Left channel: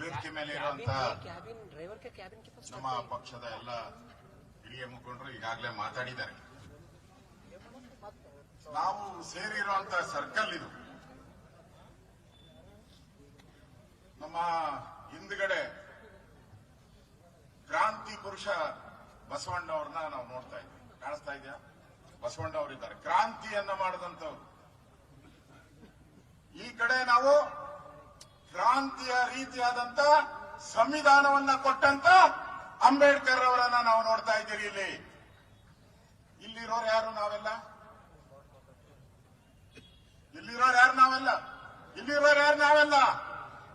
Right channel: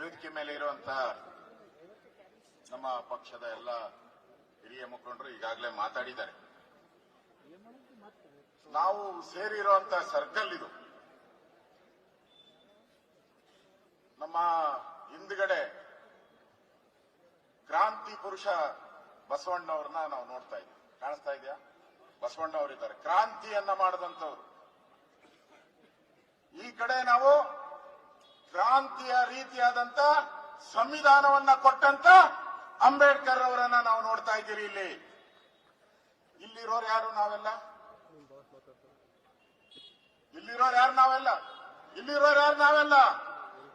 ವೇದಿಕೆ ಮೇಲೆ ಇರುವಂತ ನಮ್ಮ ಪಕ್ಷದ ಎಲ್ಲ ಹಿರಿಯ ಮುಖಂಡರು ಈಗಾಗಲೇ ಮಾತಾಡಿದ್ದಾರೆ. ನಾವು ಸೇರಿರುವಂತ ಸರ್ಕಲ್ ಇದು. ನಮ್ಮ ಹಿಂದ್ಗಡೆ ಕ್ರಾಂತಿ ಪುರುಷ ಬಸವಣ್ಣವ್ರನ್ನ ನಾವು ನೋಡ್ತಾ ಇದ್ವಿ. ಕಾಣಿಸ್ತಾ ಇದೆಯಾ? ಬಸವಣ್ಣ ಅವರಿದ್ದಾರೆ, ಕ್ರಾಂತಿಯನ್ನ ಮಾಡಿದಂಥವ್ರು. ಈ ಕಡೆ ನಾವು ಕ್ರಾಂತಿಯ ರೀತಿಯಾದಂತ ಸಂವಿಧಾನವನ್ನ ಕೊಟ್ಟಂತ ಅಂಬೇಡ್ಕರ್ ಅವರನ್ನ ನಾವು ನೋಡ್ತಾ ಇದ್ದೀರಿ. ಇಲ್ಲಿರೋರು ಯಾರು? ನಾವೆಲ್ಲ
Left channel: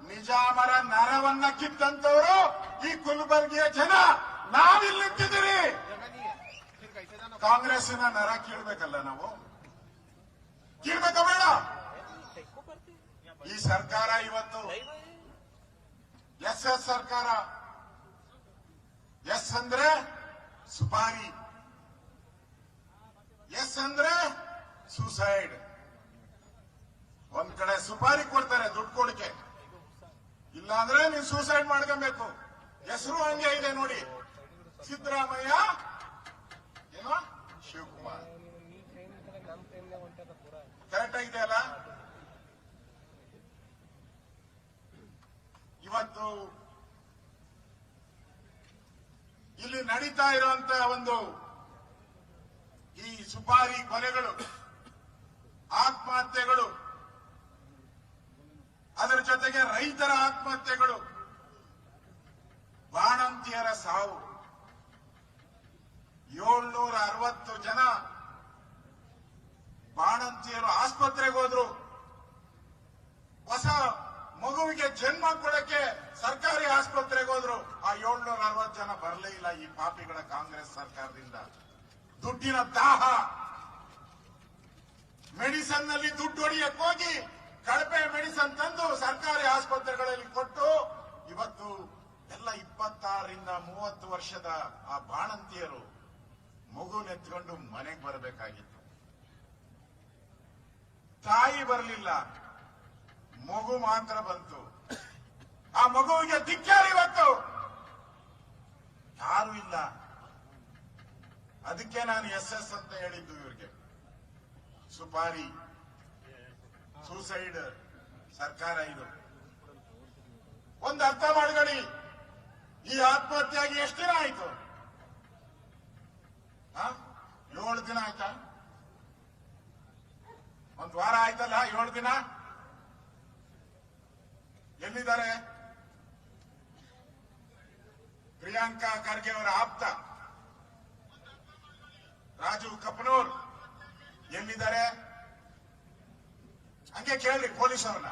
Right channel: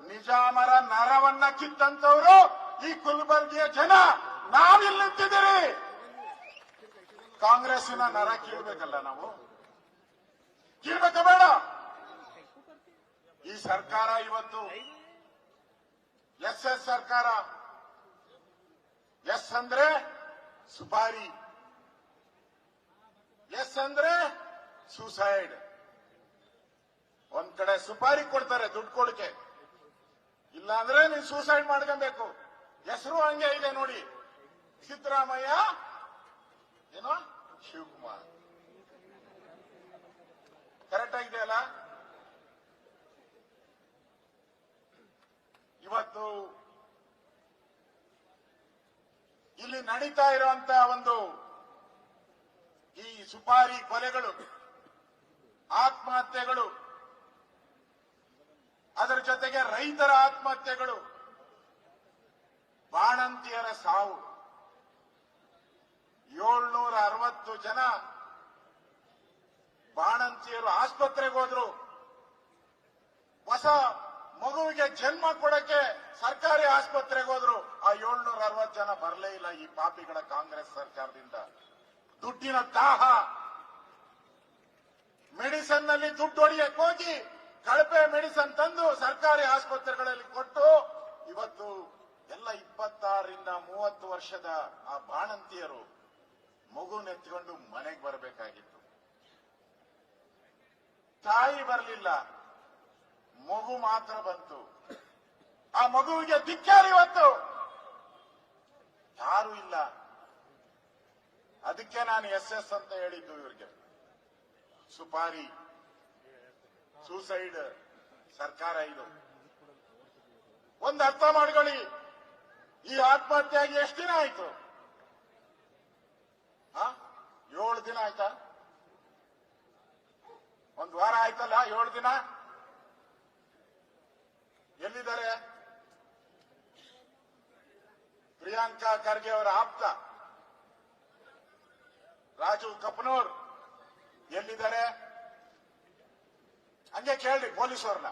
ನಿಜಾಮರ ನರವನ್ನ ಕಿತ್ತಂತವರು ಈ ಕುಲಬರ್ಗಿಯ ಜನ. ನಾವಿಲ್ಲಿ ನಿಂತಿದ್ದೀರಿ. ಕಾಂಗ್ರೆಸ್ಸಿನ ನರ ಕೀಳ್ಬೇಕಲ್ಲ, ನಾವು ಕೀಳ್ಬೇಕ ಬೇಡ? ಈ ಸರ್ಕಾರ ಇವತ್ತು ಎಸ್ ಸರ್ಕಾರ. ಎಸ್ ಅಂದ್ರೆ ಸುಪಾರಿ, ಎಸ್ ಅಂದ್ರೆ ಸೂಸೈಡ್. ಒಂದ್ ಕಡೆ ಸುಪಾರಿ ಕೊಡ್ತಾರೆ ದುಡ್ಡು ಕೊಡಕ್ಕೆ, ಇಲ್ಲಾಂದ್ರೆ ನೀವು ಸೂಸೈಡ್ ಮಾಡ್ಕೊಬೇಕು. ಹೆಸರು ಹಂಗೆ ಇದೆ ನೋಡಿ, ಸಿದ್ದರಾಮಯ್ಯ ಏನೋ ಶಿವಕುಮಾರ್. ಕರೆಕ್ಟ್ ಆಗಿದೆಯಲ್ಲ? ಇವತ್ತು ಇಲ್ಲಿ ನಡೀತಾ ಇರುವಂತ ಒಂದು ಈ ಸುಪಾರಿ ಕೊಲೆಗಳು, ಆತ್ಮಹತ್ಯೆಗಳು, ಅದರ ಜೊತೆಗೆ ರೈತರ ಆತ್ಮಹತ್ಯೆಗಳು, ಬಾಣಂತಿಯರ ಸಾವು, 760 ಜನ ಬಾಣಂತಿಯರು ಆಸ್ಪತ್ರೆಗೆ ಹೋದ್ರು. ಹೊಸ ಮಗುವಿಗೆ ಜನ್ಮ ಕೊಡಕ್ಕೆ ಸರ್ಕಾರಿ ಆಸ್ಪತ್ರೆಗೆ ಹೋದ್ರು. ಆ 760 ಜನ ಬರಲೇ ಇಲ್ಲ ಈ ಪಾಪಿಗಳ ಕಾಂಗ್ರೆಸ್ ಸರ್ಕಾರದಿಂದ. ದುಡ್ಡಿನ ದಾಹ, ಮೆಡಿಸನ್ ನಲ್ಲಿ ದುಡ್ಡು ಹೊಡಿಯಕ್ಕೆ ಹೋಗಿ ಕಳಪೆ ಮೆಡಿಸನ್ ತಂದು ಸರ್ಕಾರಿ ಆಸ್ಪತ್ರೆಗಳಲ್ಲಿ ಕೊಟ್ಟು ಇವತ್ತು ಎಲ್ಲ 26ರಿಂದ 30 ವರ್ಷದ ಆ ಬಾಣಂತಿಯರು ಮಗುನೆತ್ಕೊಂಡು ಮನೆಗೆ ಬರಬೇಕಾಗಿತ್ತು. ತಾಯಿ ಬರಲಿಲ್ಲ, ಮಗು ಮಾತ್ರ ಬಂತು. ಆ ಮಗುವಿಗೆ ಧಿಕ್ಕಾರ ಇವತ್ತು ಯಾರು ಇಲ್ಲ. ಅದಕ್ಕೆ ನಾನು ಎಸ್ ಅಂತ ಹೇಳಿದ್ದು ಇವರಿಗೆ. ಸುಪಾರಿ, ಸೂಸೈಡ್ ಸರ್ಕಾರ ಇದು. ಒಂದು ಅರ್ಥ ಮಾಡ್ಕೊಳ್ಳಿ, ಈ ಆತ್ಮಹತ್ಯೆಗೆ ಎಷ್ಟು ದಿನ ಆಯ್ತು? 7 ದಿನ ಆಯ್ತಾ? ಒಂದು ವಾರ ಆಯ್ತಲ್ಲ? 7 ದಿನ ಎಲ್ಲಿದ್ದಾರೆ? ಪ್ರಿಯಾಂಕಾ ಖರ್ಗೆ ಅವರ ಆಪ್ತ ರಾಜು ಕಪನೂರ್ ಎಲ್ಲಿದ್ದಾರೆ? ಹಂಗೆ ಕೇಳ್ರಿ ಪೊಲೀಸ್ ಅವ್ರನ್ನ.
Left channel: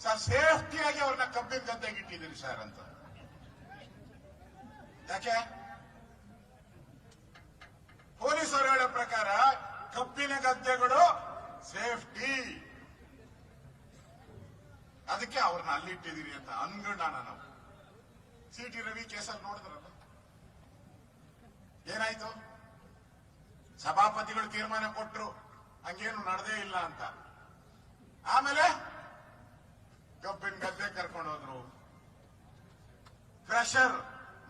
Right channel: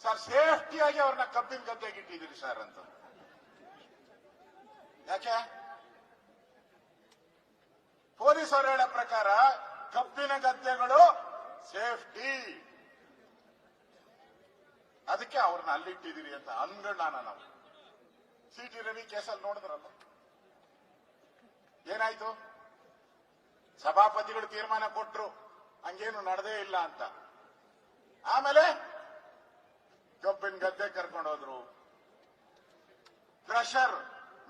ಸರ್, ಸೇಫ್ಟಿಯಾಗಿ ಅವ್ರನ್ನ ಕಬ್ಬಿನ ಗದ್ದೆಗೆ ಇಟ್ಟಿದ್ದೀರಿ ಸರ್ ಅಂತ. ಯಾಕೆ? ಪೊಲೀಸ್ ಅವರು ಹೇಳೋ ಪ್ರಕಾರ ಕಬ್ಬಿನ ಗದ್ದೆಗಳು ಸೇಫ್ಟಿ, ಅದಕ್ಕೆ ಅವ್ರನ್ನ ಅಲ್ಲಿಟ್ಟಿದ್ದೀರಿ ಅಂತ ಅನ್ಗಣ್ಣ. ನಾವು ಸಿ.ಟಿ. ರವಿ ಕೇಸಲ್ಲಿ ನೋಡಿದ್ರಲ್ಲ, ಏನಾಯ್ತು? ಸಭಾಪತಿಗಳು ತೀರ್ಮಾನ ಕೊಟ್ರು, ಹಂಗೇನು ನಡೆದೇ ಇಲ್ಲ ಅಂತ. ಆಮೇಲೆ ಕಬ್ಬಿನ ಗದ್ದೆ ಕರ್ಕೊಂಡು ಹೋದ್ರು. ಕ್ರಷರ್,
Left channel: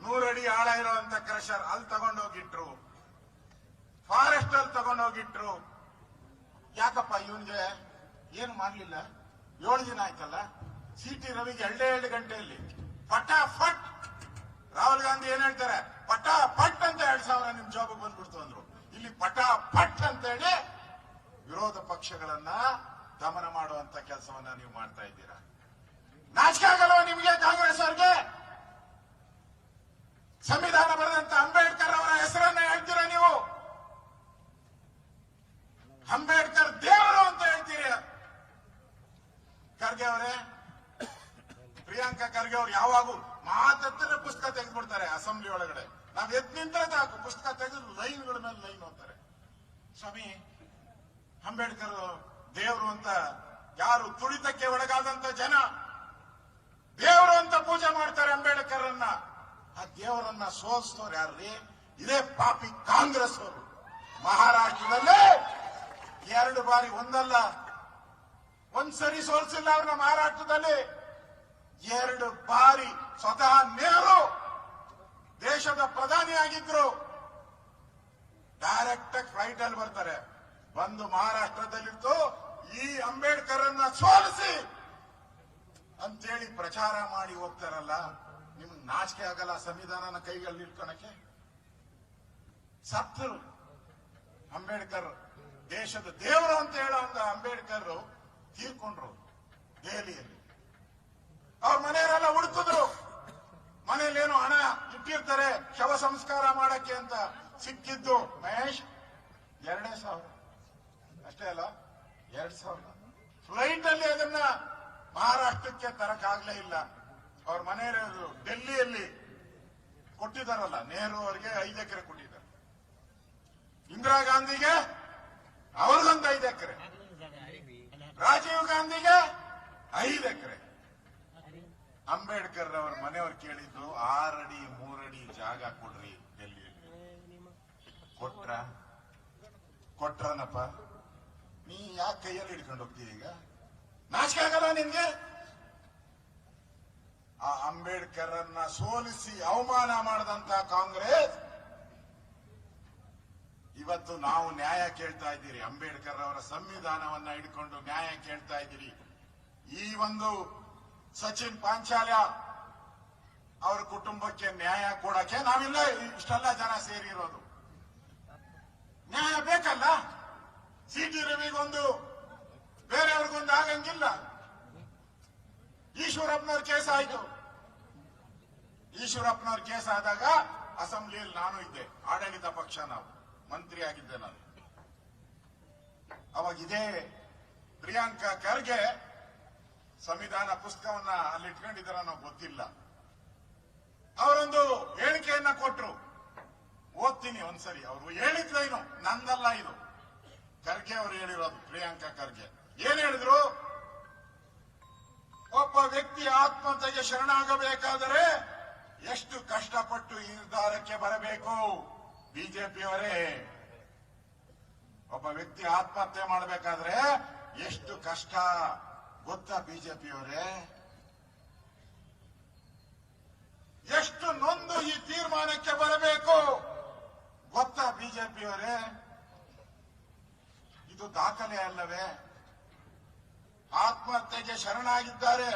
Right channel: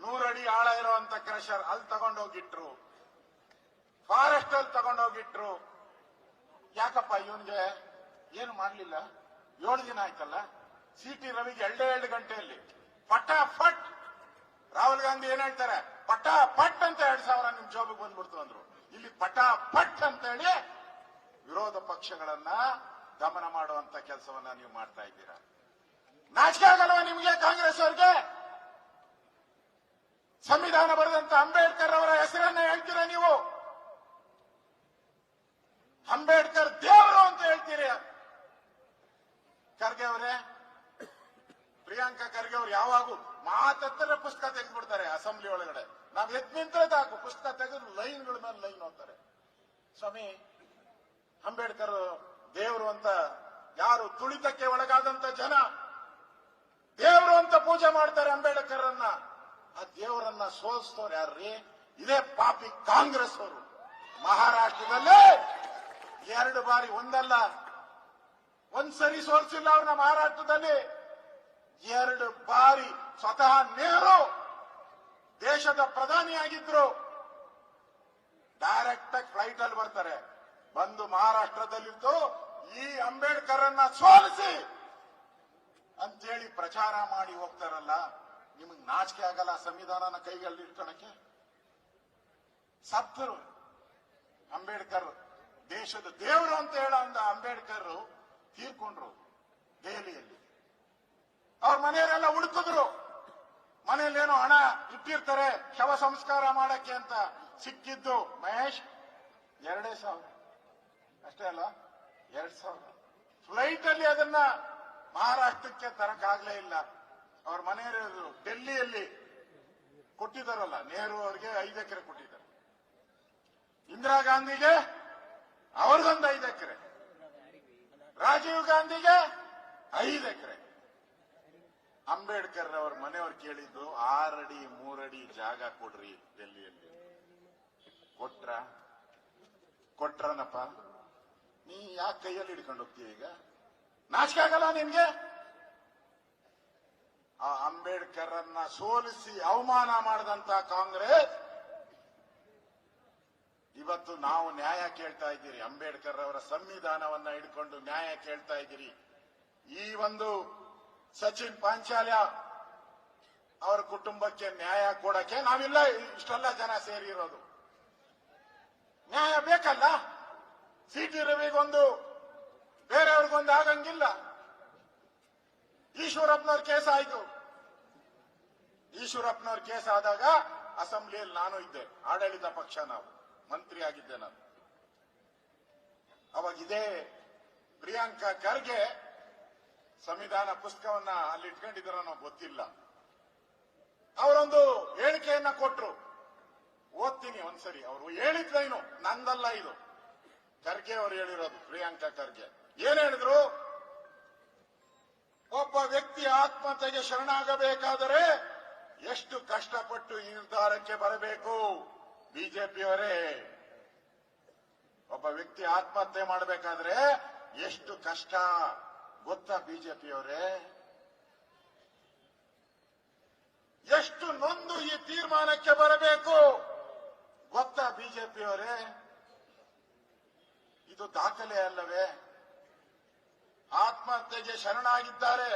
100 ಅಡಿ ಆಳ ಇರುವಂತ ಕ್ರಷರ್ ಅಲ್ಲಿ ತಗೊಂಡೋಗಿಟ್ರು. ಫಾರೆಸ್ಟ್ ಅಲ್ಲಿ ತಗೊಂಡೋಗಿಟ್ರು. ಯಾಕಪ್ಪ ಇವನ್ಗೆ ಏನು ಮಾಡ್ಲಿಲ್ಲ? 7 ದಿನ ಆಯ್ತಲ್ಲ. ಸಿ.ಟಿ. ರವಿಗೆ 2 ಗಂಟೆಯಲ್ಲಿ ಪಟಾಫಟ್. ರಾಹುಲ್ ಗಾಂಧಿ ಏನ್ ಹೇಳ್ತಾರೆ? ಪಟಾಫಟ್ ಅಂತ 2,000 ನಿಮ್ ಜಾಬಿಗೆ ಬಂದ್ಬಿಡ್ತು ಅಂದ್ರು. ಇಲ್ಲಿ ಪಟಾಫಟ್ ಅಂತ ಹೇಳಿ ವಿರೋಧ ಪಕ್ಷಗಳನ್ನ ದಮನ ಮಾಡುವಂತ ಕೆಲಸವನ್ನ ನೀವು ಮಾಡ್ತಾ ಇದ್ದೀರಾ. ನಾಚಿಕೆ ಆಗಲ್ವ ನಿಮಗೆ ಕಾಂಗ್ರೆಸ್ ಅವ್ರಿಗೆ? ಸಂವಿಧಾನ ಬರೆದಂತ ಅಂಬೇಡ್ಕರ್ ಅವರ ಹೆಸರನ್ನ ಹೇಳ್ತೀರಾ ನೀವು? ಅಂಬೇಡ್ಕರ್ ದೇವರು ಅಂತ ಹೇಳ್ತೀರಿ. ಖರ್ಗೆ ಅವರೇ, ಪ್ರಿಯಾಂಕಾ ಖರ್ಗೆ ಅವ್ರು ಯಾವಾಗೂ ಮಾತಾಡ್ತಾರೆ, ಪುಸ್ತಕ ತೆಗೆದ್ಬಿಡ್ತಾರೆ ಅಸೆಂಬ್ಲಿ ಒಳಗಡೆ. ನಾವ್ ಎದ್ ನಿಂತ್ರೆ ಸಾಕು, ಪುಸ್ತಕ ತೆಗೆದು ಲೈನ್ಗಳ ಮೇಲೆ ಲೈನ್ ಓದ್ತಾರೆ. ಸ್ವಾಮಿ, ಅಂಬೇಡ್ಕರ್ ದೇವರು ಅಂತ ಯಾರು ತುಳಿತಕ್ಕೆ ಒಳಗಾದಂತ ಜನ ದೇವರು ಅಂತ ಪೂಜೆ ಮಾಡ್ತಾರೆ ಅಂಬೇಡ್ಕರ್ ಅನ್ನ. ಆ ದೇವರನ್ನ ಸೋಲಿಸ್ತವ್ರು ಯಾರ್ರೀ? ಇದೇ ಪಾಪಿ ಕಾಂಗ್ರೆಸ್ ಅವರು. ಮಹಾರಾಷ್ಟ್ರದಲ್ಲಿ 2 ಬಾರಿ, ಒಂದಲ್ಲ ಒಂದ್ಸರಿ ಸೋಲಿಸಿಲ್ಲ ಅವ್ರನ್ನ. ಮಹಾರಾಷ್ಟ್ರದಲ್ಲಿ 2 ಪ್ರಧಾನಿಯಾಗಿದ್ರು. ಡೈರೆಕ್ಟ್ ಆಗಿ ಫ್ಲೈಟ್ ಅಲ್ಲಿ ಬರ್ತಾರೆ, ಬಂದು ಮಹಾರಾಷ್ಟ್ರದಲ್ಲಿತ್ತು ಈ ಅಂಬೇಡ್ಕರ್ ಅನ್ನ ಸೋಲಿಸಿ ಅಂತೇಳಿ ಪ್ರಚಾರ ಮಾಡಿ ಹೋಗ್ತಾರಲ್ಲ. ನಿಮಗೆ ನಾಚಿಕೆ ಆಗಲ್ಲ ಸಂವಿಧಾನನ ಕೈಗಳಲ್ಲಿ ಇಟ್ಕೊಳಕ್ಕೆ? ಸತ್ತರು ಅಂಬೇಡ್ಕರ್, ದೇಶದ ದೇವರು ಅಂತ ಹೇಳೋ ಅಂಬೇಡ್ಕರ್ ತೀರ್ಕೊಂಡ್ರು ದೆಹಲಿಯಲ್ಲಿ. ಅವ್ರ ಮನೆಯವರೆಲ್ಲ ಹುಡುಕಿದ್ರು, ಮನೆಯಲ್ಲೇನೋ ಹಣ ಇಟ್ಟಿರ್ತಾರೆ ಶವ ಸಂಸ್ಕಾರ ಮಾಡಕ್ಕೆ ಅಂತ. ಸಿಕ್ಕಿದ್ದು ಮಹೇಶ್ 2,000 ಅಷ್ಟೇ ಅಲ್ಲ, 2,000 ಫ್ಲೈಟ್ ಅಲ್ಲಿ ಅದನ್ನ ಮಹಾರಾಷ್ಟ್ರಕ್ಕೆ ತರಕಾಗ್ಲೇ ಇಲ್ಲ. ಅವ್ರ ಮನೆಯವರು ಡೆಲ್ಲಿಯಲ್ಲಿ ಕೊಟ್ಟಿದ್ದಾರಲ್ಲ, ನೆಹರು ಅವರಿಗೆ 5 ಎಕರೆ ಕೊಟ್ಟಿದ್ದಾರೆ, ಇಂದಿರಾ ಗಾಂಧಿಗೆ ಅವ್ರಿಗೊಂದು 5 ಎಕರೆ, ರಾಜೀವ್ ಗಾಂಧಿಗೆ 5 ಎಕರೆ. ಅಂಬೇಡ್ಕರ್ ಅವ್ರ ಮನೆಯವ್ರು ಕೇಳಿದ್ದು 6 ಅಡಿ 3 ಅಡಿ ಜಾಗ ಕೊಡ್ರಿ ಡೆಲ್ಲಿಯಲ್ಲಿ. ಕೊಟ್ರನಪ್ಪ. ನೀ ಯಾಕೆ ಕೈಯಲ್ಲಿ ಹಿಡ್ಕೊಂಡು ಹೋಗ್ತೀವಿ ಈಗ? ನಾಚಿಕೆ ಆಗಲ್ಲ ನಿನ್ಗೆ? ಆ ಅಂಬೇಡ್ಕರ್ ಅನ್ನ ಸೋಲಿಸಿ ಅವಮಾನ ಮಾಡಿದಂತ ಕಾಂಗ್ರೆಸ್ ಇವತ್ತು ನಾವು ನ್ಯಾಯ ಕೇಳ್ತಾ ಇದ್ದೀರಿ. ಅಂಬೇಡ್ಕರ್ ಅವರ ಸಂವಿಧಾನವನ್ನ ಹಿಡ್ಕೊಂಡು ನ್ಯಾಯ ಕೇಳ್ತಾ ಇದ್ದೀರಿ. ಈ ಒಂದು ಸಚಿನ್ ಪಾಂಚಾಲ್ಯ ಅವರ ಕುಟುಂಬಕ್ಕೆ ನ್ಯಾಯ ಕೊಡಕ್ಕೆ ನಾವಿಲ್ಲ ಇಷ್ಟೆಲ್ಲ ಜನ ಸೇರಿರೋದು. ನ್ಯಾಯ ಬೇಕಲ್ಲ. ಸಿ.ಟಿ. ರವಿಗೊಂದು ಬೇರೆಯವ್ರಿಗೊಂದು ಆಗಂಗಿಲ್ಲ. ಈಶ್ವರಪ್ಪನವ್ರ ಕೇಸ್ ಆಯ್ತು. ಈಶ್ವರಪ್ಪನವ್ರ ಕೇಸ್ ಆದಾಗ ಅಸೆಂಬ್ಲಿಯಲ್ಲಿ ನಾನು ಇದ್ದೆ, ಆಡಳಿತ ಪಕ್ಷ, ನಾವು ಮಂತ್ರಿ ಆಗಿದ್ದೆ ನಾನು. ಅವಾಗ ಇದೇ ಪ್ರಿಯಾಂಕಾ ಖರ್ಗೆ ಸಂವಿಧಾನ ಪುಸ್ತಕವನ್ನ ಅಲ್ಲಿ ಇಟ್ಕೊಂಡಿದ್ದಾರ ನಾವು ಗೊತ್ತಿಲ್ಲ. ಅವರೊಂದು ಹೇಳಿಕೆಯನ್ನ ಕೊಟ್ರು, ಓದ್ತೀನಿ ಒಂದ್ಸರಿ. ಅವರು ಹೇಳಿದ್ಲೇನು, ನಂದಲ್ಲ ಇದು, ಖರ್ಗೆ ಅವರು ಹೇಳಿರೋದು. ಪ್ರಿಯಾಂಕಾ ಖರ್ಗೆ ಏನ್ ಹೇಳಿದ್ರು? ಒಬ್ಬ ವ್ಯಕ್ತಿ ಆತ್ಮಹತ್ಯೆಗೆ ಶರಣಾಗಬೇಕಾದರೆ ಎಷ್ಟು ಕಷ್ಟಪಟ್ಟು ಈ ನಿರ್ಧಾರಕ್ಕೆ ಬರಬೇಕು? ಬಿಜೆಪಿಯವರೇ, ಒಬ್ಬ ವ್ಯಕ್ತಿ ಆತ್ಮಹತ್ಯೆ ಮಾಡಬೇಕಾದ್ರೆ ಎಷ್ಟು ಕಷ್ಟ ಗೊತ್ತಾ ಬಿಜೆಪಿಯವರೇ? ಎಷ್ಟು ನೊಂದು ಈ ತೀರ್ಮಾನಕ್ಕೆ ಬರಬೇಕು ಗೊತ್ತಾ ಬಿಜೆಪಿಯವರೇ? ಇದು ದಾಖಲೆ ಅಲ್ಲವೇ? ಆತ್ಮಹತ್ಯೆಗೆ ಶರಣಾಗಿದ್ದಾರೆ,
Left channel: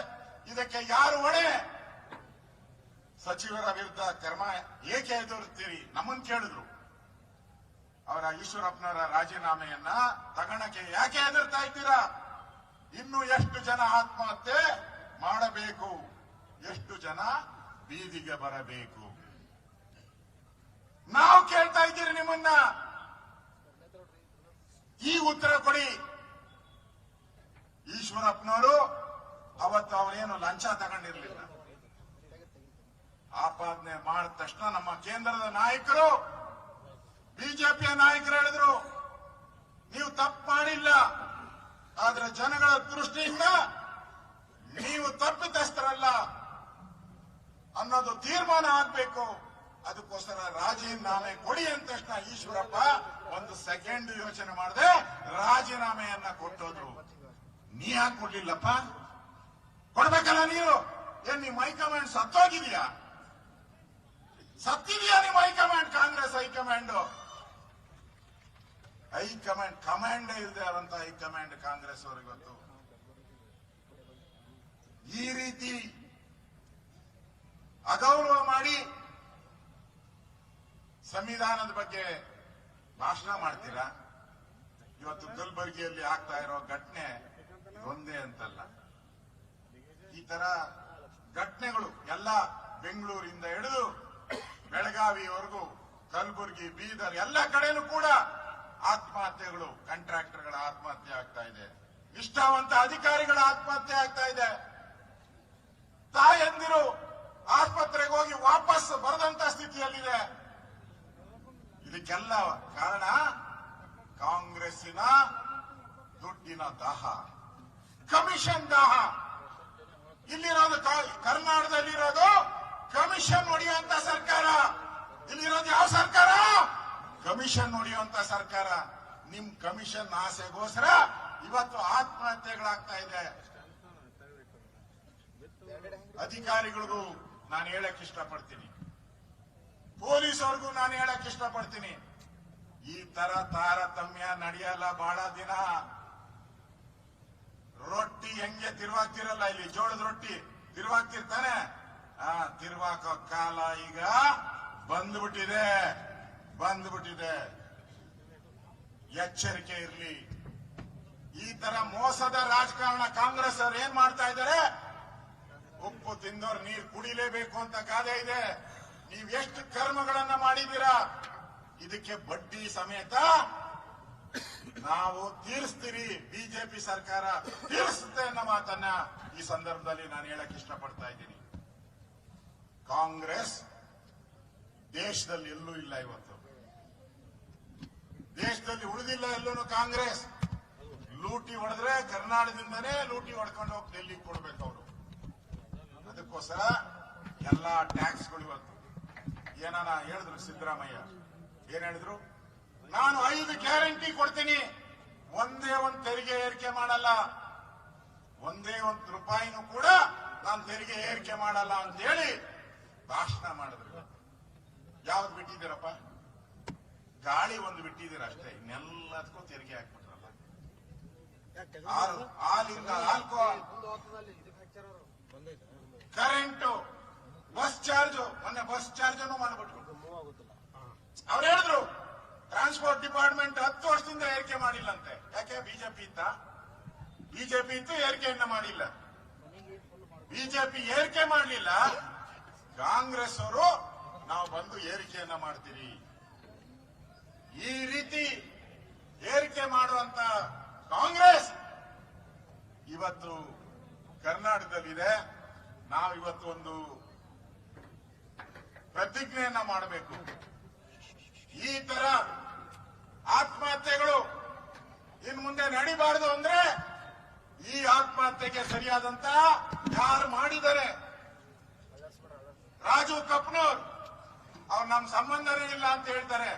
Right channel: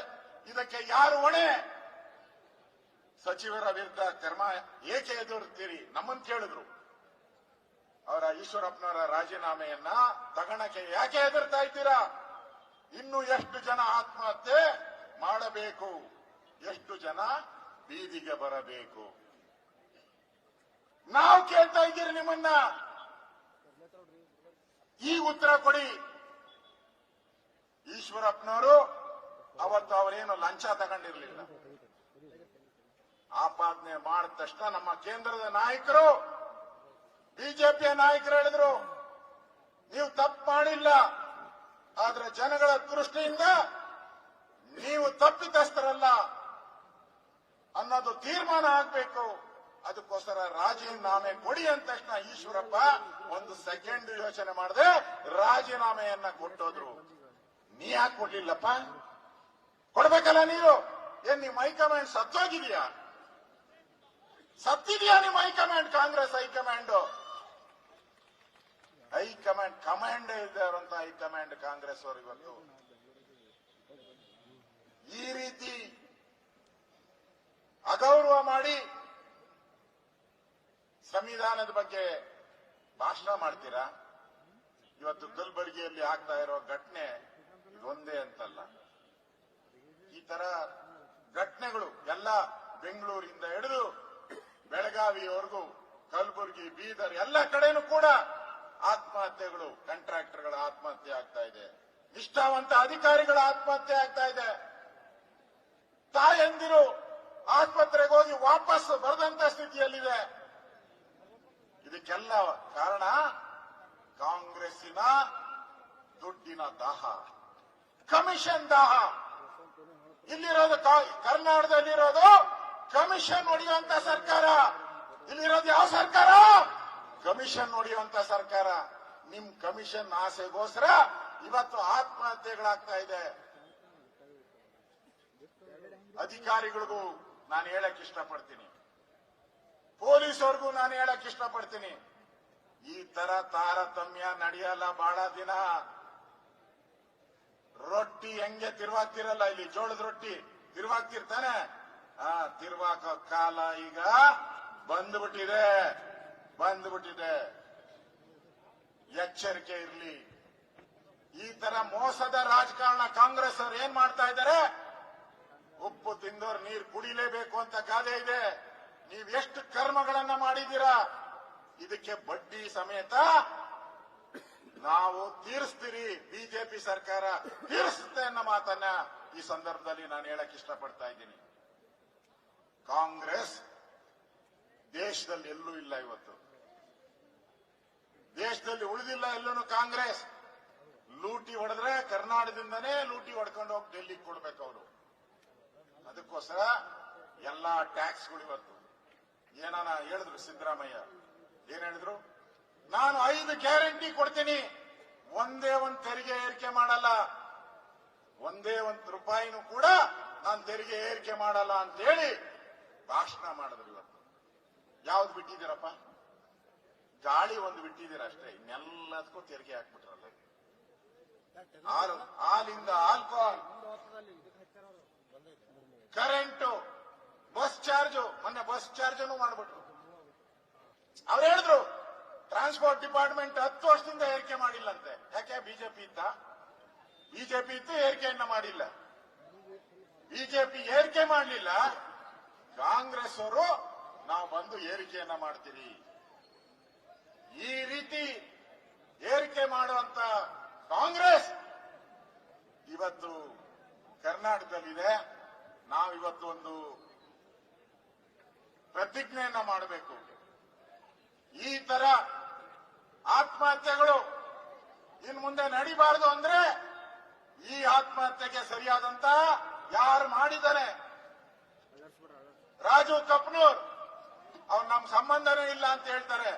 ಇದಕ್ಕೆ ಯಾರು ಹೊಣೆ? ಸಚಿವರ ವಿರುದ್ಧ ಕ್ರಮ ಏಕೆ ಎದುರುತ್ತೀರಿ? ನಮ್ಮನ್ನು ಕೇಳಿದ್ರು. ಅವರ ಈಶ್ವರಪ್ಪನವರ ರಾಜೀನಾಮೆಯನ್ನ ತಗಣಕ್ಕೆ ಯಾಕೆ ಎದುರ್ತಾ ಇದ್ದೀರಾ? ಇನ್ನು ಎಷ್ಟು ಜನ ಆತ್ಮಹತ್ಯೆ ಮಾಡಬೇಕು? ಎಷ್ಟು ಜನ ಬೀದಿಗೆ ಬರಬೇಕು? ನಾವು ಕೇಳ್ತಾ ಇದ್ದೀರಿ ನಿಮ್ಮನ್ನ. ಈ ಉತ್ತರ ಕೊಡಿ. ಈಶ್ವರಪ್ಪನವರು ಅವತ್ತು ಅವರೇನು ಲಂಚ ತಗೊಂಡಿರ್ಲಿಲ್ಲ. ಆಪಾದನೆ ಮಾಡಿದ ತಕ್ಷಣ ನಮ್ಮ ಕೇಂದ್ರದ ನಾಯಕರು, ಬಿಜೆಪಿಯ ನಾಯಕರು ಹೇಳಿದ್ರು, ನೀವು ತಪ್ಪು ಮಾಡಿಲ್ಲ, ಆದ್ರೆ ಜನಗಳ ದೃಷ್ಟಿಯಿಂದ ನೀವು ತಪ್ಪಿತಸ್ಥರಲ್ಲ ಅನ್ನೋದು ತೀರ್ಮಾನ ಆಗ್ಬೇಕು. ಅದಕ್ಕೋಸ್ಕರ ರಾಜೀನಾಮೆ ಕೊಡಿ ಅಂದ ತಕ್ಷಣ ಈಶ್ವರಪ್ಪ ಒಂದು ಸೆಕೆಂಡ್ ಯೋಚನೆ ಮಾಡದೆ ರಾಜೀನಾಮೆಯನ್ನ ಕೊಟ್ಟೋದ್ರು. ನೀ ಯಾಕೆ ಕೊಡ್ಲಿಲ್ಲಪ್ಪ? ಕೊಡ್ಬೇಕಲ್ಲ ನೀನು. ಏನ್ ನಿಮ್ಮ ಹೈಕಮಾಂಡ್ ಸತ್ತೋಗಿದೆಯಾ? ಸತ್ತಿದೆಯಾ ನಿಮ್ಮ ಹೈಕಮಾಂಡ್? ಕಾಂಗ್ರೆಸ್ ಹೈಕಮಾಂಡ್ ಕಮಾಂಡ್ ಇಲ್ಲದೆ ಇರುವಂತ ಹೈಕಮಾಂಡ್ ಕಾಂಗ್ರೆಸ್ ಅವರು ಇವತ್ತು ಈ ರೀತಿ ಅಗೌರವ ಮಾಡಿ ಸಂವಿಧಾನದ ಬಗ್ಗೆ ಭಾಷಣ ಮಾಡ್ತೀರಾ? ಇವತ್ತು ಕಲಬುರಗಿಯಲ್ಲಿ ಆಗ್ತಾ ಇರೋ ಘಟನೆ ಇದೊಂದೇ ಅಂತಲ್ಲ, ಈ ತರ ಘಟನೆಗಳು ಎಲ್ಲ ಬೆಂಗಳೂರಿಂದ ಹಿಡಿದು ಬೆಳಗಾವಿಯವರೆಗೂ, ಕಲಬುರಗಿ, ಬೀದರ್ ಎಲ್ಲ ಕಡೆನೂ ಕೂಡ ಆತ್ಮಹತ್ಯೆಗಳು, ಕಾಂಟ್ರಾಕ್ಟರ್ಗಳ ಆತ್ಮಹತ್ಯೆ ಆಗ್ತಾ ಇದೆ, ನಿಷ್ಠಾವಂತ ಅಧಿಕಾರಿಗಳ ಆತ್ಮಹತ್ಯೆ ಆಗ್ತಾ ಇದೆ, ತಾಯಂದಿರು ಆಸ್ಪತ್ರೆಗೆ ಹೋಗಿ ವಾಪಸ್ ಬರದಂತ ಸ್ಥಿತಿಯಲ್ಲಿದೆ. ಇದಕ್ಕೆಲ್ಲ ಕಾರಣ ಕಾಂಗ್ರೆಸ್ಸಿನ ದುಡ್ಡಿನ ದಾಹ, ಕಮಿಷನ್ ದಾಹ. ಇಲ್ಲಿರೋದು ಕರ್ನಾಟಕದಲ್ಲಿರೋದು ಕಮಿಷನ್ ಹೊಡೆಯುವಂತ ಸರ್ಕಾರ. ಇಲ್ಲಿರೋದು ಯಾವ ಸರ್ಕಾರ? ಕಮಿಷನ್ ಹೊಡೆಯುವಂತ ಸರ್ಕಾರ. ನಿಮ್ ಕಮಿಷನ್ ಆಸೆಗೋಸ್ಕರ ಇವತ್ತು ಆತ್ಮಹತ್ಯೆಗಳಾಗ್ತಾ ಇದೆ. ಅಧಿಕಾರಿಗಳಿಗೂ ನಾನು ಹೇಳಕ್ ಇಷ್ಟಪಡ್ತೀನಿ, ಪೊಲೀಸವ್ರಿಗೂ ನಾನು ಹೇಳಕ್ ಇಷ್ಟಪಡ್ತೀನಿ, ಈ ತರ ತಾರತಮ್ಯ ನಡೆಯಲ್ಲ ಬಹಳ ದಿನ. ರೊಟ್ಟಿ ಹೆಂಗೆ ತಿರುವಾಗ್ತಿರಲ್ಲ, ಇಲ್ಲಿ ಜೋಳದ ರೊಟ್ಟಿ ತಿರುವಾಗ್ತಿರ್ತಾನೆ, ತಿರುವಾಕೋ ಕಾಲ ಈಗ ಬಂದ್ಬಿಟ್ಟಿದೆ. ಎಚ್ಚರಿಕೆ ಇರ್ಲಿ. ಈ ತರ ಮೋಸದ ರಾಜಕಾರಣ ಕಾಂಗ್ರೆಸ್ ಅವ್ರು ಏನ್ ಮಾಡ್ತಾ ಇದ್ದಾರೆ? ಉಪ್ಪು ತಿಂದೋರ್ ನೀರು ಕುಡಿಲೇಬೇಕು ಅಂತ ಗಾದೆ ಇದೆ. ನೀವ್ ಎಷ್ಟು ಕರ್ಮಗಳನ್ನ ಮಾಡಿದ್ದೀರಾ, ಇದಕ್ಕೆ ಬಡ್ಡಿ ಸಮೇತ ನಾವು ತೀರಿಸ್ತೀರಿ, ಬಿಜೆಪಿ ಸರ್ಕಾರ ತೀರಿಸುತ್ತೆ ಅನ್ನೋ ಮಾತನ್ನ ಈ ಸಂದರ್ಭದಲ್ಲಿ ನಾನು ಹೇಳಕ್ ಇಷ್ಟಪಡ್ತಾ ಇದ್ದೀನಿ. ಕಾಂಗ್ರೆಸ್ ದೇಶದಲ್ಲಿ ಎಲ್ಲೂ ಇಲ್ಲ, ಇವತ್ತು ದೇಶದಲ್ಲಿ ಉಳಿದಿಲ್ಲ ಎಲ್ಲೂ ಕಾಂಗ್ರೆಸ್. ಲೂಟಿ ಹೊಡೆದ್ರೆ ಕರ್ನಾಟಕದಿಂದನೇ ಲೂಟಿ ಹೊಡ್ಕೊಂಡು ಹೋಗಿ ಡೆಲ್ಲಿಗೆ ಕೊಡ್ಬೇಕು ಅವರು. ಅದಕ್ಕೋಸ್ಕರ ಎಲ್ಲಾ ಟ್ಯಾಕ್ಸ್ಗಳು ಇವತ್ತು ಏನಾನ ಹೇಳಿದ್ರು ಸಿದ್ದರಾಮಯ್ಯ, ಏನ್ ಹೇಳಿದ್ರು? ನಾನು 5 ಗ್ಯಾರಂಟಿ ಕೊಡ್ತೀನಿ, ಒಂದೇ ಒಂದು ತೆರಿಗೆ ಏರಿಕೆ ಮಾಡಲ್ಲ, ಒಂದೇ ಒಂದು ರೂಪಾಯಿನೂ ಕೂಡ ನಾನು ತೆರಿಗೆ ಏರಿಕೆ ಮಾಡಲ್ಲ ಅಂತ ಹೇಳಿ ಭಾಷಣ ಮಾಡಿದ್ರು. ಇವತ್ತು ಯಾವ್ದು ಬಿಟ್ಟಿದ್ದೀರಪ್ಪ? ಗಾಳಿ ಒಂದು ಬಿಟ್ಟಿದ್ದೀರ ಅಷ್ಟೇ, ಇನ್ನೆಲ್ಲದಕ್ಕೂ ತೆರಿಗೆ ಹಾಕ್ಬಿಟ್ರಲ್ಲ. ಹಾಲಿಂದ ಆಲ್ಕೋಹಾಲ್, ಕರೆಂಟು, ಬಸ್ ಚಾರ್ಜ್, ಮೊನ್ನೆ ಬಸ್ ಚಾರ್ಜ್ ಮಾಡಿಬಿಟ್ರು. ಅವ್ರು ಹೇಳಿದ್ರು ಟ್ರಾನ್ಸ್ಪೋರ್ಟ್ ಡಿಪಾರ್ಟ್ಮೆಂಟ್ 10 ವರ್ಷದಿಂದ ಏರಿಕೆ ಮಾಡಿಲ್ಲಂತೆ. ಯಾಕೆ? ಬಿಜೆಪಿ ಇತ್ತು ಏರಿಕೆಯನ್ನ ಮಾಡಿಲ್ಲ. ಬಿಜೆಪಿ ಏರಿಕೆ ಮಾಡಲಿಲ್ಲ, ಕಾಂಗ್ರೆಸ್ ಅವರು ನಾವು ಬಂದು ಏರಿಕೆಯನ್ನ ಮಾಡ್ತೀರಿ. ಈ ರೀತಿ ಏರಿಕೆ ಮಾಡುವಂತ ಕಾಂಗ್ರೆಸ್ ಇವತ್ತು ಕರ್ನಾಟಕದಲ್ಲಿದೆ. ನಾವು ಇವತ್ತು ಒಂದು ಪ್ರತಿಜ್ಞೆಯನ್ನ ಮಾಡಬೇಕು. ಈ ತರ ಆತ್ಮಹತ್ಯೆಗಳು ಇನ್ನು ಮುಂದೆ ನಡಿಬಾರದು ಅಂದ್ರೆ ಈ ಆತ್ಮಹತ್ಯೆಗೆ ಸರಿಯಾದಂತ ಯಾರು ಮಾಡಿದ್ದಾರೆ? ರಾಜು ಕಪ್ನೂರ್ ಅವ್ರು ನಮ್ ಸಂಬಂಧನೇ ಇಲ್ಲ ಅಂತ ಹೇಳ್ತಾರೆ.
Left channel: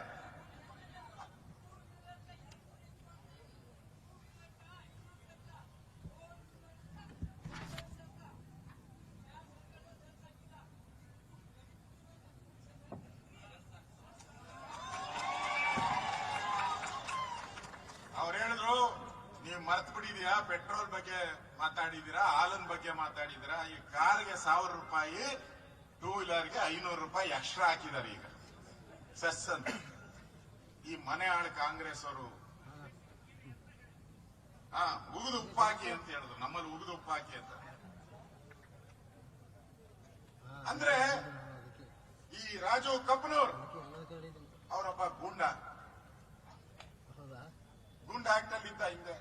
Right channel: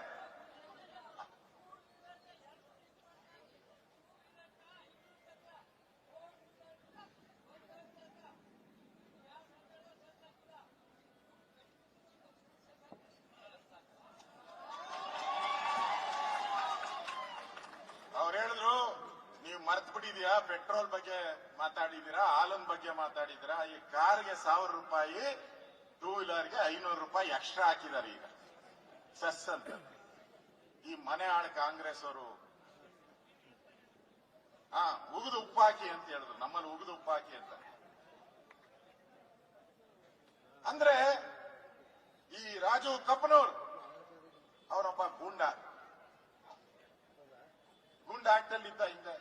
ಪೆಟ್ರೋಲ್ ಬಗ್ಗೆ ಮಾತಾಡಿದೀರಾ, ಹಾಲಿನ ಬಗ್ಗೆ ಮಾತಾಡಿದೀರಾ. ಈ ಕಾರ್ಗೆ 1000 ರೂಪಾಯಿ, 2 ವೀಲರ್ಗೆ 500 ರೂಪಾಯಿ ಎಕ್ಸ್ಟ್ರಾ ಹಾಕಿದ್ದಾರೆ ಈಗ ಸೆಸ್ ಅಂತ. ಈ ಮನೆ ಆಳು ಕಾಂಗ್ರೆಸ್ ಅವರು ಉಗಿದು ಉಪ್ಪಾಕಿ ಅಂತ ಹೇಳಿದ್ರು, ನಮ್ಮಲ್ಲಿ ಉಗಿದು ಉಪ್ಪಾಕಿ ಅಂತ. ಅಂದ್ರೆ ಈ ರಾಜು ಕಬ್ಬನೂರ್ ಅವರೊಬ್ಬ ಗೂಂಡ ಆಕ್ಟ್ ಅಲ್ಲಿ ಇದ್ದ. ಹಿಂದೆ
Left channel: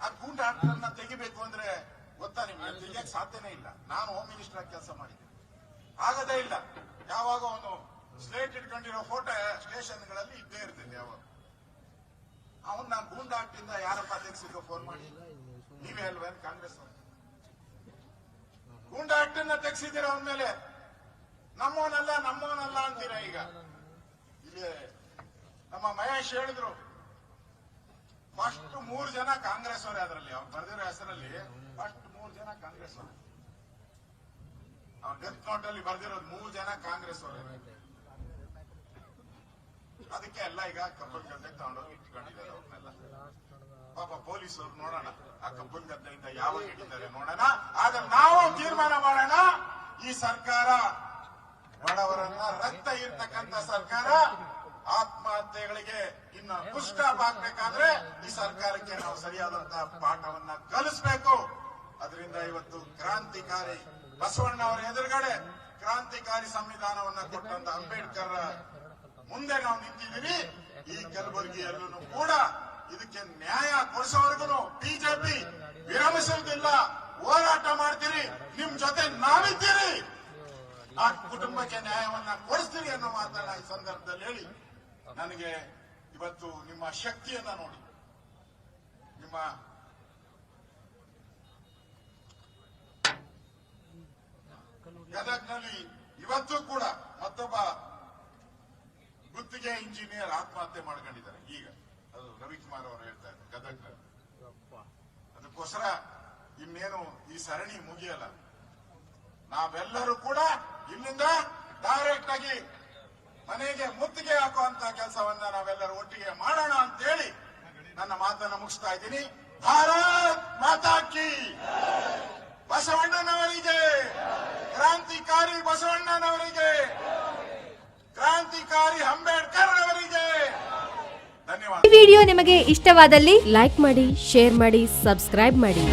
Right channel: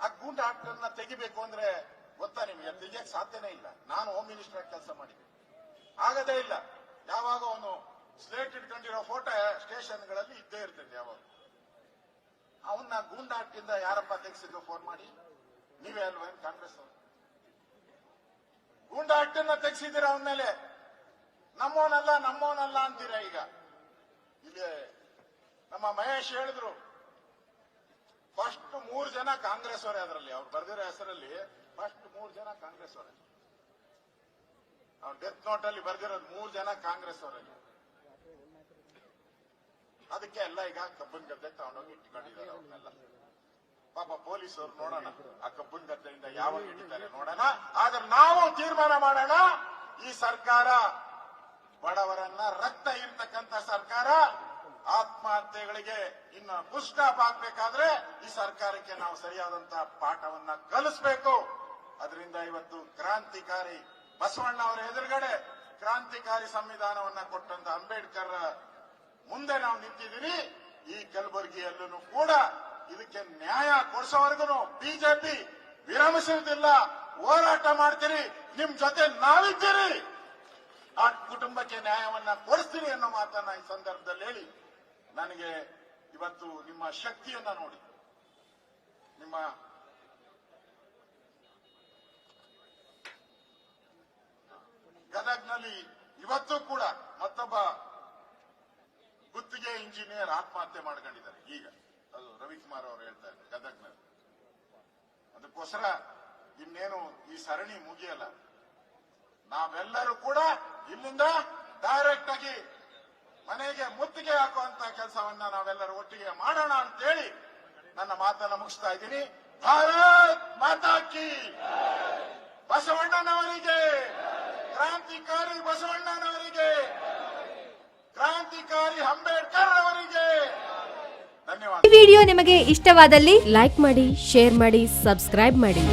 ಆ ಗೂಂಡ ಆಕ್ಟರ್ನ ತೆಗಿಬೇಕು ಅಂದ್ರೆ ಗೊತ್ತಾ ನಿಮ್ಗೆ? ತೆಗಿಯಕ್ ಸಾಧ್ಯನೇ ಇಲ್ಲ. ನಾನು ಹೋಮ್ ಮಿನಿಸ್ಟರ್ ಆಗಿ ಕೆಲಸ ಮಾಡಿದ್ದೆ, ಆಗದೇ ಇಲ್ಲ. ಯಾವಾಗ ಅವನು ಸ್ಲೇಟ್ ಇಟ್ಕೊಂಡಿರೋ ಫೋಟೋ ಸ್ಟೇಷನ್ಗಳಲ್ಲಿ ಇದ್ದೇ ಇರ್ತೈತೆ. ಯಾವಾಗ ಅವನ್ನ ಗೂಂಡ ಆಕ್ಟ್ ಇಂದ ಯಾರಪ್ಪ ತೆಗೆಸಿದ್ರು ಫೋನ್ ಮಾಡಿ? ನೀವೇ ಅಲ್ವೇನ್ ಕಾಂಗ್ರೆಸ್ ಅವರು? ಗೂಂಡ ಆಕ್ಟ್ ಅನ್ನ ತೆಗೆಸಿದ್ದೀರ ಅವನ ಮೇಲೆ. ನಮ್ಮವನಲ್ಲ ಅಂತೀರ. ಈಗ ಇಲ್ಲಿ ನಮ್ಮ ಮಹೇಶ್ ಹೇಳಿದ್ರು, ಫಸ್ಟ್ 3 ಜನ ಕಾಂಗ್ರೆಸ್ ಅವರೇ. ಅದರಲ್ಲಿ ಅವ್ರು ಬರೆದಿರೋ ಹೆಸರಲ್ಲಿ ಫಸ್ಟ್ 3 ಜನ ಕಾಂಗ್ರೆಸ್ ಅವರೇ. ಅವ್ರ ಡೆತ್ ನೋಟ್ ಅಲ್ಲಿ ಬರೆದಿರೋದು 3 ಜನ ಕಾಂಗ್ರೆಸ್ ಅವರೇ. ಅದಕ್ಕೆ ಎಲ್ಲ ಈಗ ಕಬ್ಬನ್ ಗದ್ದೆ ತಗೊಂಡೋಗಿ ಇಟ್ಕೊಂಡಿದ್ದಾರೆ ಅವ್ರನ್ನೆಲ್ಲ. ಪಾಪ ಪೊಲೀಸರು ನೋಡೋಣ ಆ ಕಬ್ಬನ್ ಗದ್ದೆಯಿಂದ ಯಾವಾಗ ಹಿಡಿತಾರೆ ನೋಡೋಣ. ಆದ್ರೆ ನಾವು ತೀರ್ಮಾನ ಮಾಡೋಣ, ಈ ಸರ್ಕಾರ ಬಡವರನ್ನ ರಕ್ತ ಇರ್ತಕ್ಕಂಥ ಸರ್ಕಾರ. ಆತ್ಮಹತ್ಯೆಗಳಿಗೆ ಇನ್ನು ಪುಷ್ಟಾಪ್ ಆಗ್ಬೇಕಾದ್ರೆ ಈ ಸರ್ಕಾರಕ್ಕೆ ನಾವು ಸರಿಯಾದಂತಹ ಪಾಠವನ್ನ ಕಲಿಸಬೇಕು. ಅದರಿಂದ ಇವತ್ತು ಕ್ರಾಂತಿಕಾರಿ ಬಸವಣ್ಣ ಅವರ ಎದುರುಗಡೆ ಕ್ರಾಂತಿಕಾರಿ ಸಂವಿಧಾನವನ್ನ ಕೊಟ್ಟಂತ ಅಂಬೇಡ್ಕರ್ ಮುಂದೆ ನಾವು ನಿಂತಿದ್ದೀವಿ. ಈ ಕಲಬುರಗಿಯಲ್ಲೂ ಕೂಡ ಇದಕ್ಕೆ ನ್ಯಾಯ ಕೊಡಿಸೋವರೆಗೂ ಬಿಜೆಪಿ ವಿರಮಿಸುವುದಿಲ್ಲ, ಹೋರಾಟ ಮಾಡ್ತೀರಿ. ನಿಮ್ ಜೊತೆ ನಾವಿದ್ದೀರಿ, ಆ ಕುಟುಂಬಕ್ಕೆ ನ್ಯಾಯವನ್ನ ಕೊಡಿಸ್ತೀರಿ ಅನ್ನೋ ಮಾತನ್ನ ಈ ಸಂದರ್ಭದಲ್ಲಿ ಹೇಳಿ, ನನಗೆ ಇವತ್ತು ನಿಮ್ಮ ಶಕ್ತಿಯನ್ನ ನೋಡಿ, ನಿಮ್ಮ ಗದಗ್ನಲ್ಲಿ ಇವತ್ತು ಕೂಡ ಮತ್ತೊಬ್ಬ ಗುತ್ತಿಗೆ ಇಂಜಿನಿಯರ್ ಆತ್ಮಹತ್ಯೆ ಮಾಡ್ಕೊಂಡಿದ್ದಾರೆ. ಈಗ ಅದು ರವಿಕುಮಾರ್ ಅವರು ಹೇಳ್ತಾ ಇದ್ದಾರೆ ಗದಗ್ನಲ್ಲಿ. ಅದಕ್ಕೋಸ್ಕರ ಇನ್ನೇನು ಈ ಸರಣಿ ಮುಗಿಯಲ್ಲ. ನಾವೆಲ್ಲರೂ ಕೂಡ ಇಲ್ಲಿಂದ ಡೈರೆಕ್ಟ್ ಆಗಿ ಮನೆಗೆ ಮುತ್ತಿಗೆ ಹಾಕುವಂತ ಕೆಲಸವನ್ನ ನಾವೆಲ್ಲರೂ ಒಟ್ಟಿಗೆ ಮಾಡೋಣ ಅಂತೇಳಿ ನನ್ನ ಮಾತನ್ನ ಮುಗಿಸ್ತಾ ಇದ್ದೀನಿ. ಭಾರತ್ ಮಾತಾ ಕಿ, ಬಸವಣ್ಣನವರಿಗೆ, ಕ್ರಾಂತಿಕಾರಿ ಬಸವಣ್ಣನವರಿಗೆ, ಕ್ರಾಂತಿಕಾರಿ ಅಂಬೇಡ್ಕರ್ ಅವರಿಗೆ ಧನ್ಯವಾದ. ಈ ವಿಡಿಯೋ ನಿಮಗೆ ಇಷ್ಟವಾದಲ್ಲಿ ಲೈಕ್ ಮಾಡಿ, ಶೇರ್ ಮಾಡಿ, ಸಬ್ಸ್ಕ್ರೈಬ್ ಮಾಡಿ.